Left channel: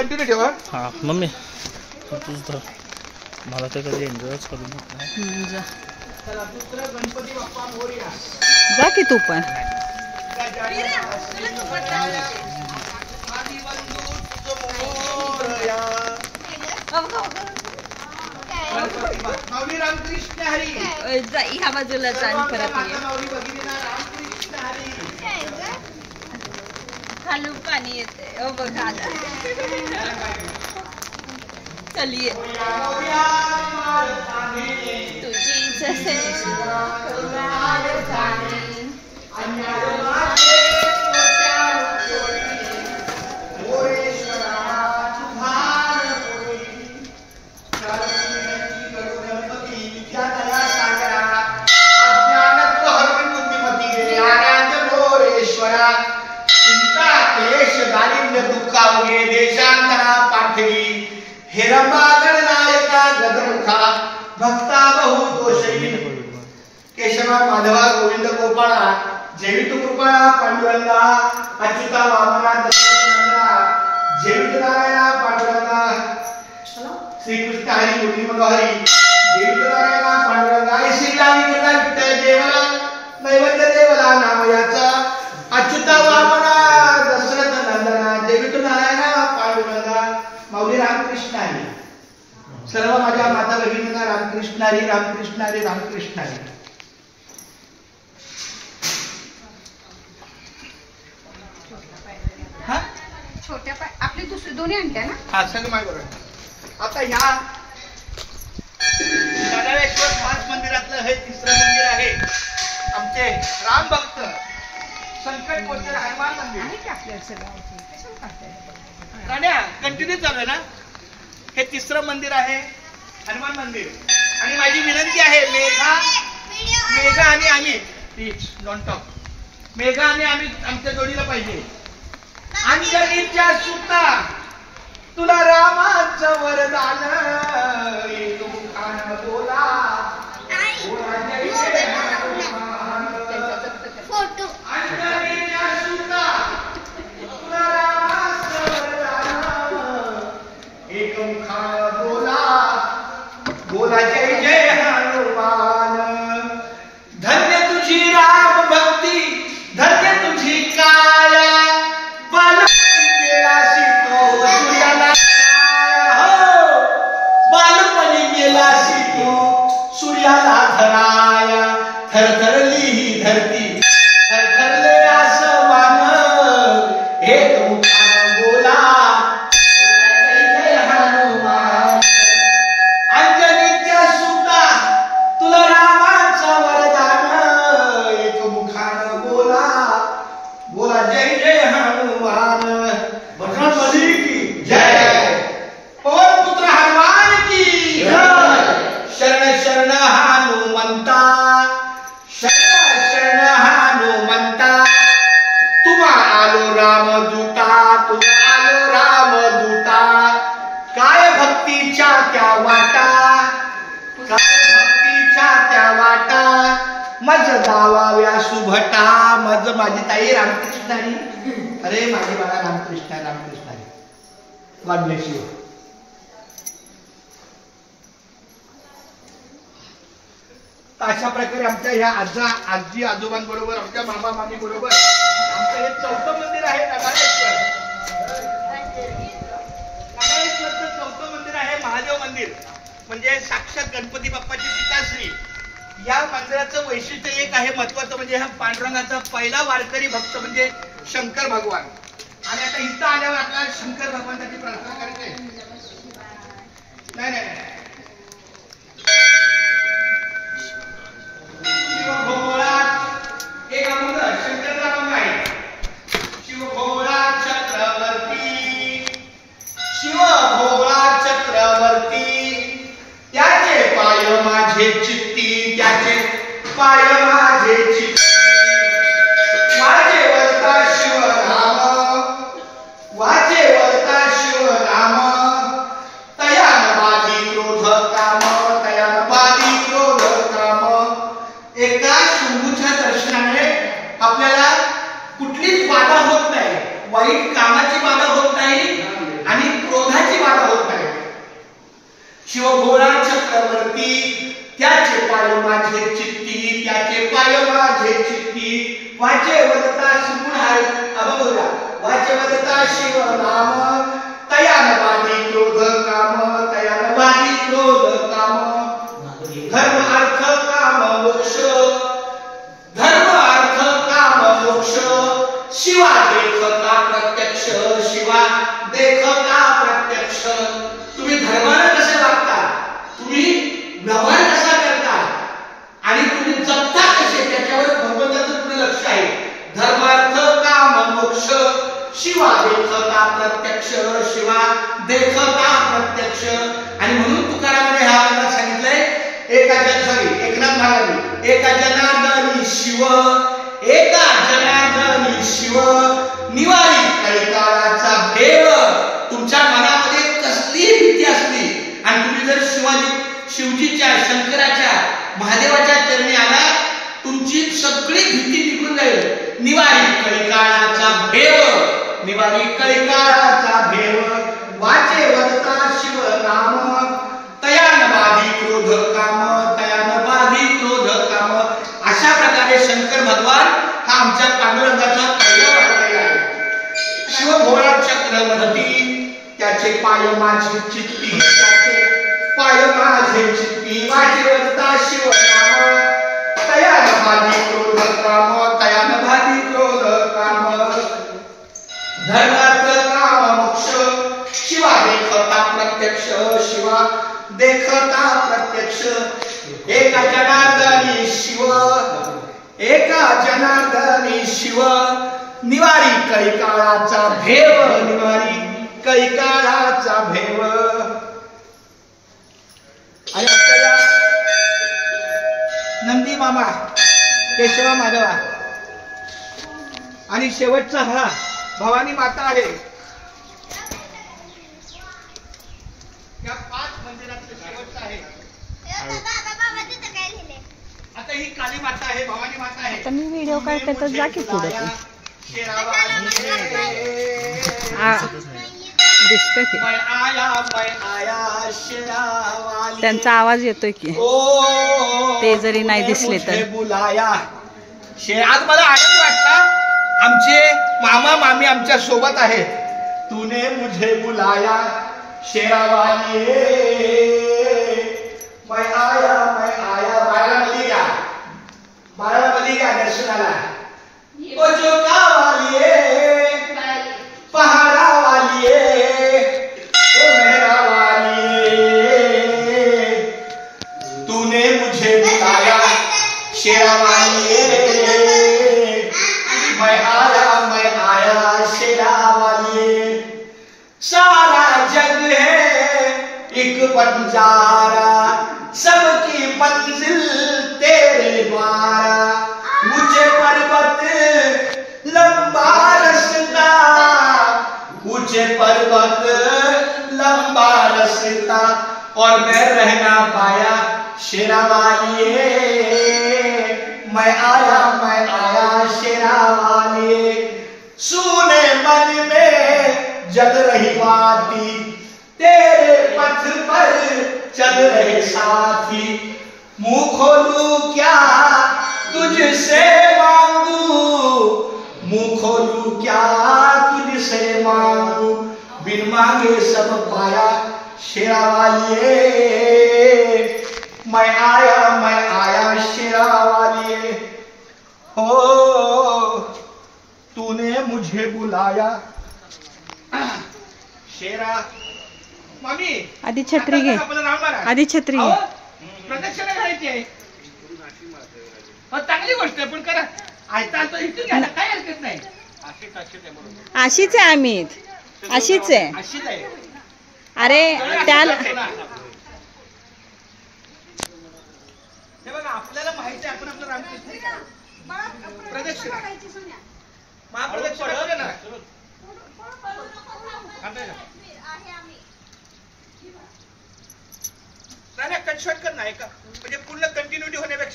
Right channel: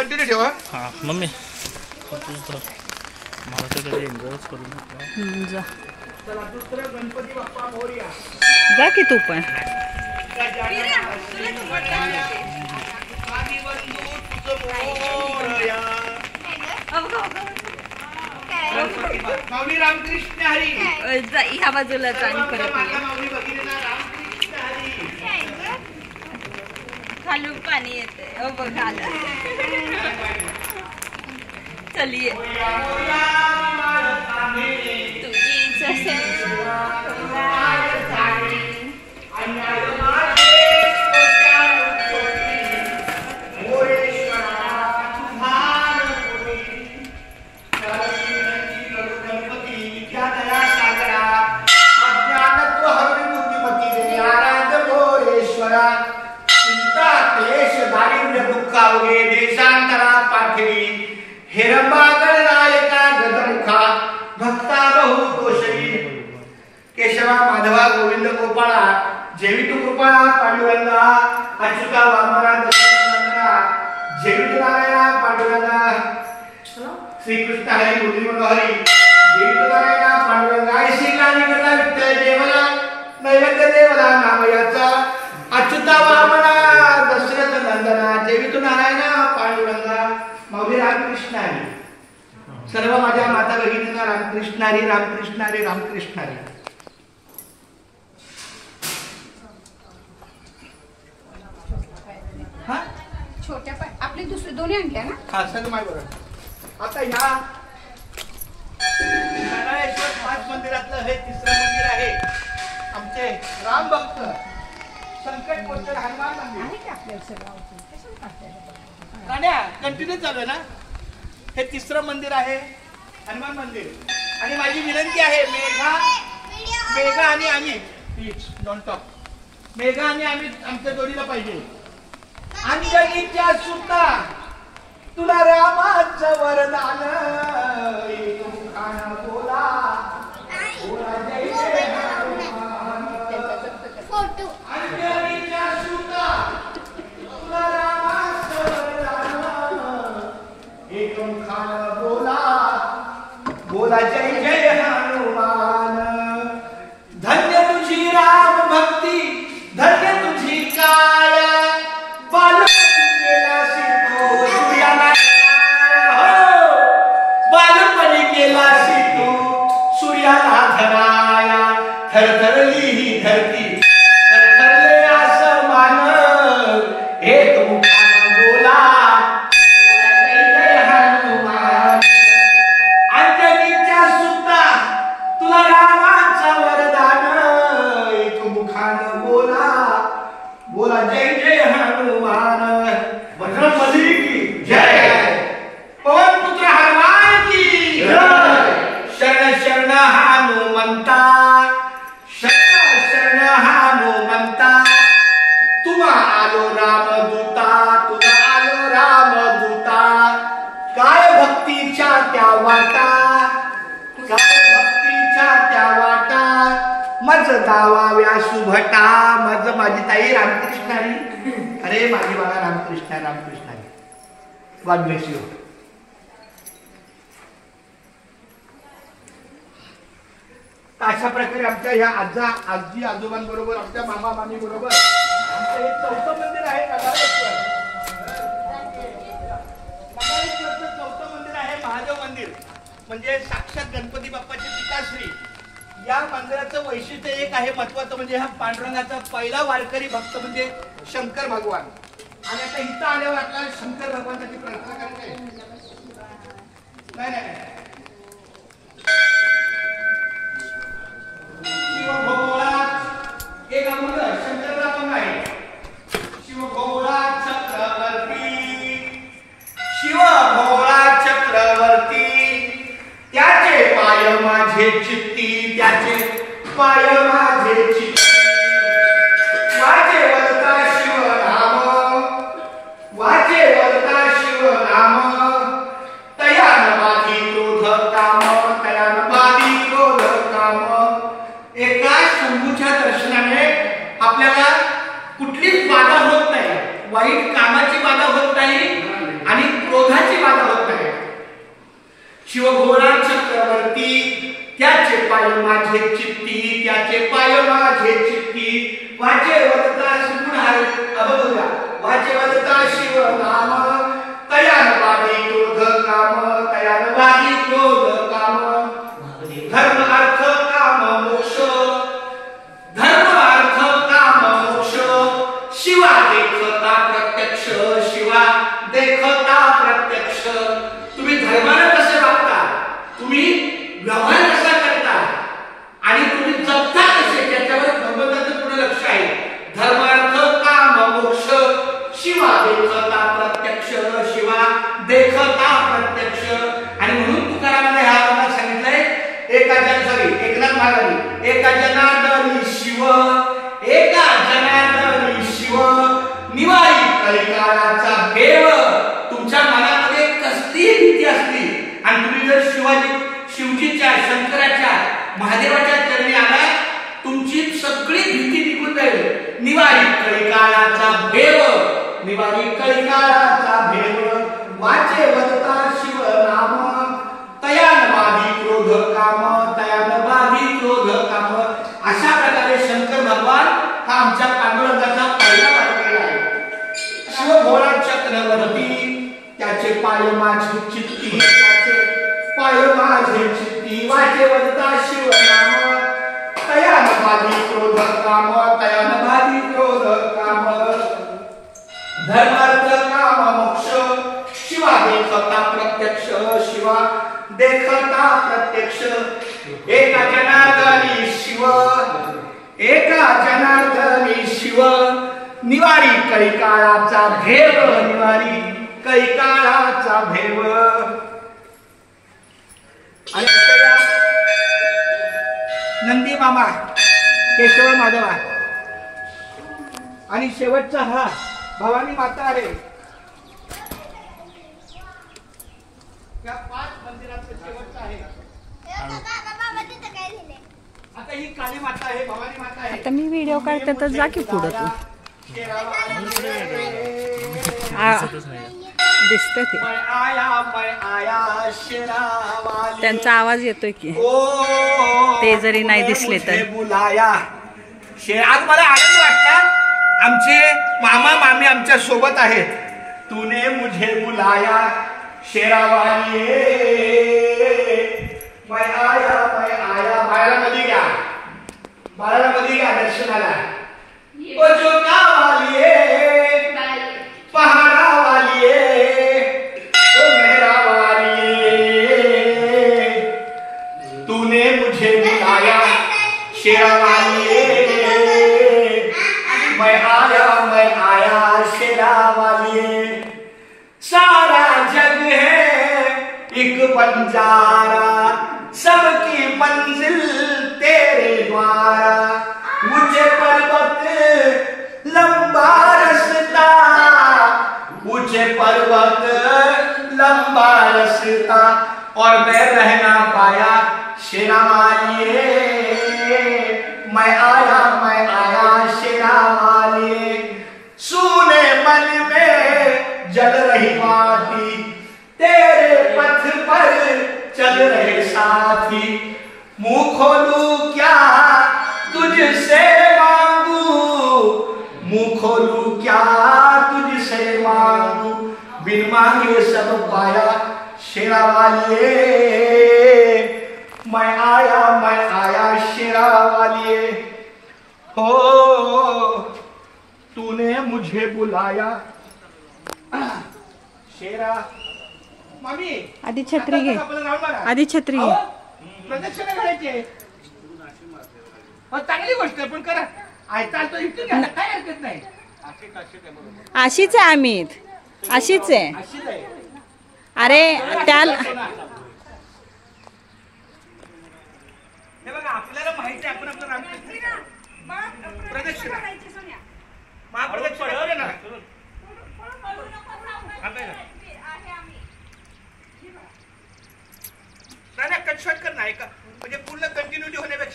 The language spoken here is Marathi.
कंटिन्यू ठेवा. हां मम्मी मला त्याच्याकडे एन्जॉयच करून जा चला दुसरं गणपती बाप्पा मोरया. जा की तू पण. माऊली रामकृष्ण हरी. ह्या बाजूला परत माऊली भगिनींना रामकृष्ण हरी. खालून पाणी येते बघा. चलिए देशांतरा पाठवी हेरंबागड नायका गजमुखा भक्ता बहु दोषी केशवा माधवा गोविंद गोपाळा जेवितु कृपया पांडुरंगा अच्युता वामना दशरथनंदना जेवितु नारायणा पांडुरंगा श्रीकृष्ण हरी मुरली मनोहरी जेवितु नारायणा पांडुरंगा श्रीलानी कथा विठ्ठल देवला नैवेद्य देवला नामयाचा अच्युता वामना दशरथ नंदना जेवितु नारायणा पांडुरंगा माऊली रामकृष्ण हरी. सर्व माझ्या माता भगिनींना रामकृष्ण हरी रामकृष्ण हरी रामकृष्ण हरी. छोट्या आपले दुसरे दोन्ही आणते ना. हा सगळं माय बरोबर. आता ह्या गडाळेश्वर पाच मंदिरातलं हे तिसरं मंदिर आहे आमचे राम भक्त संकट कोणते हनुमान मंदिर आहे की आपल्याला सगळं राण्या कंटिन्यू चालू आहे ना. हे तिसरं मंदिर आहे हनुमान मंदिर. आणि माझी विनंती आहे मेघा आणि आम्ही डोंट टॉक. मेघा आणि आम्ही आमच्या जोडीला पाहिजे. अंजनीच्या सुता तुला रामाचं वरदान येतो मुखानं बोला बोला जय जय हनुमान. अंजनीच्या सुता तुला रामाचं वरदान येतो मुखानं बोला बोला जय जय हनुमान. धन्य तुझी राम भक्ती धन्य तुझी काया बालपणी गेलासी तू सूर्याला बालपणी गेलासी तू सूर्याला धराया थरथरली ही धरती थरथरले आसमान एक मुखानं बोला जय जय हनुमान. अंजनीच्या सुता तुला रामाचं वरदान एक मुखानं बोला बोला जय जय हनुमान. बजरंगबली की जय. पवन पुत्र हनुमान की जय. शरण शरण हनुमंता शरण शरण हनुमंता. तुमा आलो रामदूता तुला आलो रामदूता. काय भक्तीच्या त्या वाटा काय भक्तीच्या त्या वाटा मज दावाव्या सुभटा. मज माझी ताई रामकृष्ण हरी. अरे माझी बाळा Ramakrishna Ramakrishna Hari. God bless you. अशा प्रकारे आमच्या ह्या आजी आजोबांबरोबर आमच्या मामा मामी बरोबर आमचं हे चौथं मंदिर आहे नगाळेश्वर. नगाळेश्वरचं चौथं मंदिर आहे महादेव मंदिर म्हणजे साक्षात गणपती बाप्पाची पिताश्री. या मंदिराचं वैशिष्ट्य एक आहे महत्वाचं म्हणजे हा पांडुरंगाचा पहिला वारकरी भक्त म्हणजे शंकर भगवान. आणि आता इथं आल्यावर आपल्याला शंकर भगवानाची प्रार्थना करायची नाही. शिवभोळा एक अभंग शंकरचा अभंग आहे. शिवभोळा चक्रवर्ती शिवभोळा चक्रवर्ती त्याचे पाय माझे चित्ती त्याचे पाय माझे चित्ती. वाचे वरता शिवराम वाचे वरता शिवराम. तयान बाधी क्रोध काम तयान बाधी क्रोध काम. एका शंभूच्या दर्शनाने आपल्याला कुठलीच बाधा होत नाही. वाईट कामाची बाधा होत नाही आणि शिवभोळा चक्रवर्ती त्याचे पाय माझे चित्ती, त्याचे पाय माझे चित्ती, वाचे वदता सुनाळ अबोला, वाचे वदता शिव नाम, तयान बाधी क्रोध काम, तयान बाधी क्रोध काम, धर्म अर्थ काम मोक्ष, धर्म अर्थ काम मोक्ष, शिवा देखता प्रत्यक्ष, शिवा देखता प्रत्यक्ष. तुम्ही धर्माने कसे वागता, तुम्ही व्यवहार कसा करता आणि तुम्ही जगता कसे, त्याच्यावर भगवंताचं पूर्ण लक्ष आहे. धर्मार्थ काम मोक्ष, शिवा देखता प्रत्यक्ष, शिवा देखता प्रत्यक्ष. आणि म्हणून तुकारामाने ह्या वर्गात सांगितलंय, एका एकनाथ महाराज, एका जनार्दनी शिव, एका जनार्दनी शिव, निवारी कैकाळाचा भेव. तुमच्या मनामध्ये कसलीही भीती असली आणि तुम्ही जर शिवजीच्या, शंकराच्या, महादेवाच्या चरणी आला, तुमची सगळी भीती निघून जाईल. निवारी कैकाळाचा भेव, निवारी कैकाळाचा भेव, वाचे वदता शिव नाम, तयान बाधी क्रोध काम, तयान बाधी क्रोध काम. अशा प्रकारे शंकर भगवान हा आमच्या पांडुरंगाचा पहिला वारकरी आहे. शिवभोळा चक्रवर्ती त्याचे पाय माझे चित्ती, त्याचे पाय माझे चित्ती, वाचे वदता शिव नाम, तयान बाधी क्रोध काम, तयान बाधी क्रोध काम, धर्मार्थ काम मोक्ष, शिवा देखता प्रत्यक्ष, शिवा देखता प्रत्यक्ष. एका जनार्दनी शिव, एका जनार्दनी शिव, निवारी कैकाळाचा भेव, निवारी कैकाळाचा भेव. आणि आपल्याला नंदी मामा, केशवा माधवा आणि शेवटचा हा भवानी माता आहे. या 5 मंदिरातलं शेवटचं आहे. आता ही काली माता आहे, भवानी माता आहे. आता मी व्हिडिओ काढते तर जा की पुढे तू. दिसते ते, त्यांचा आवाज येतोय की, ते जरी नाही दिसले तर. आज मला आनंद वाटला, आमचे मामा मामी आमच्या सोबत आहेत. तूने मुझे बुलाया शेरावाली, मैं आया बाळाला मध्ये घ्या, बाळाला मध्ये घ्या दर्शनाला. ओ जोका वाली पहाड़ा वाली, ओ मेहरा वाली, तूने मुझे बुलाया शेरा वाली, मैं आया शेरा वाली. सारा जग है एक बंजारा, सबकी मंजिल तेरे द्वारा, ऊंचे पर्वत लंबा रास्ता, ऊंचे पर्वत लंबा रास्ता, और मैं रहना पाया शेरा वाली, मैं आया शेरा वाली. सुने मन में जल रही बाती, तेरे पथ पर चल रहे साथी, मुंह खोलूं क्या तुझसे मांगू, मुंह खोलूं क्या तुझसे मांगू, बिन मांगे सब पाया शेरा वाली, मैं आया शेरा वाली. हो तूने मुझे बुलाया शेरा. मामी आधी छत्री घे, आधी छत्री घे. प्रदक्षिणा घालायची आहे. चांगली गोष्ट आहे, पण करा चालतो इथून घ्या, काय हरकत नाही. अशीच आहे आम्ही, अशीच आहे. अशीच आहे. अरे त्याला हे बघा, आपल्याला माहिती आहे आपण आपलं रामकृष्ण प्रदक्षिणा महाप्रदक्षिणा करूया ना. नाही कट शॉर्ट कर, नाही का म्हणजे पूर्ण कंटिन्युटी होण्यापेक्षा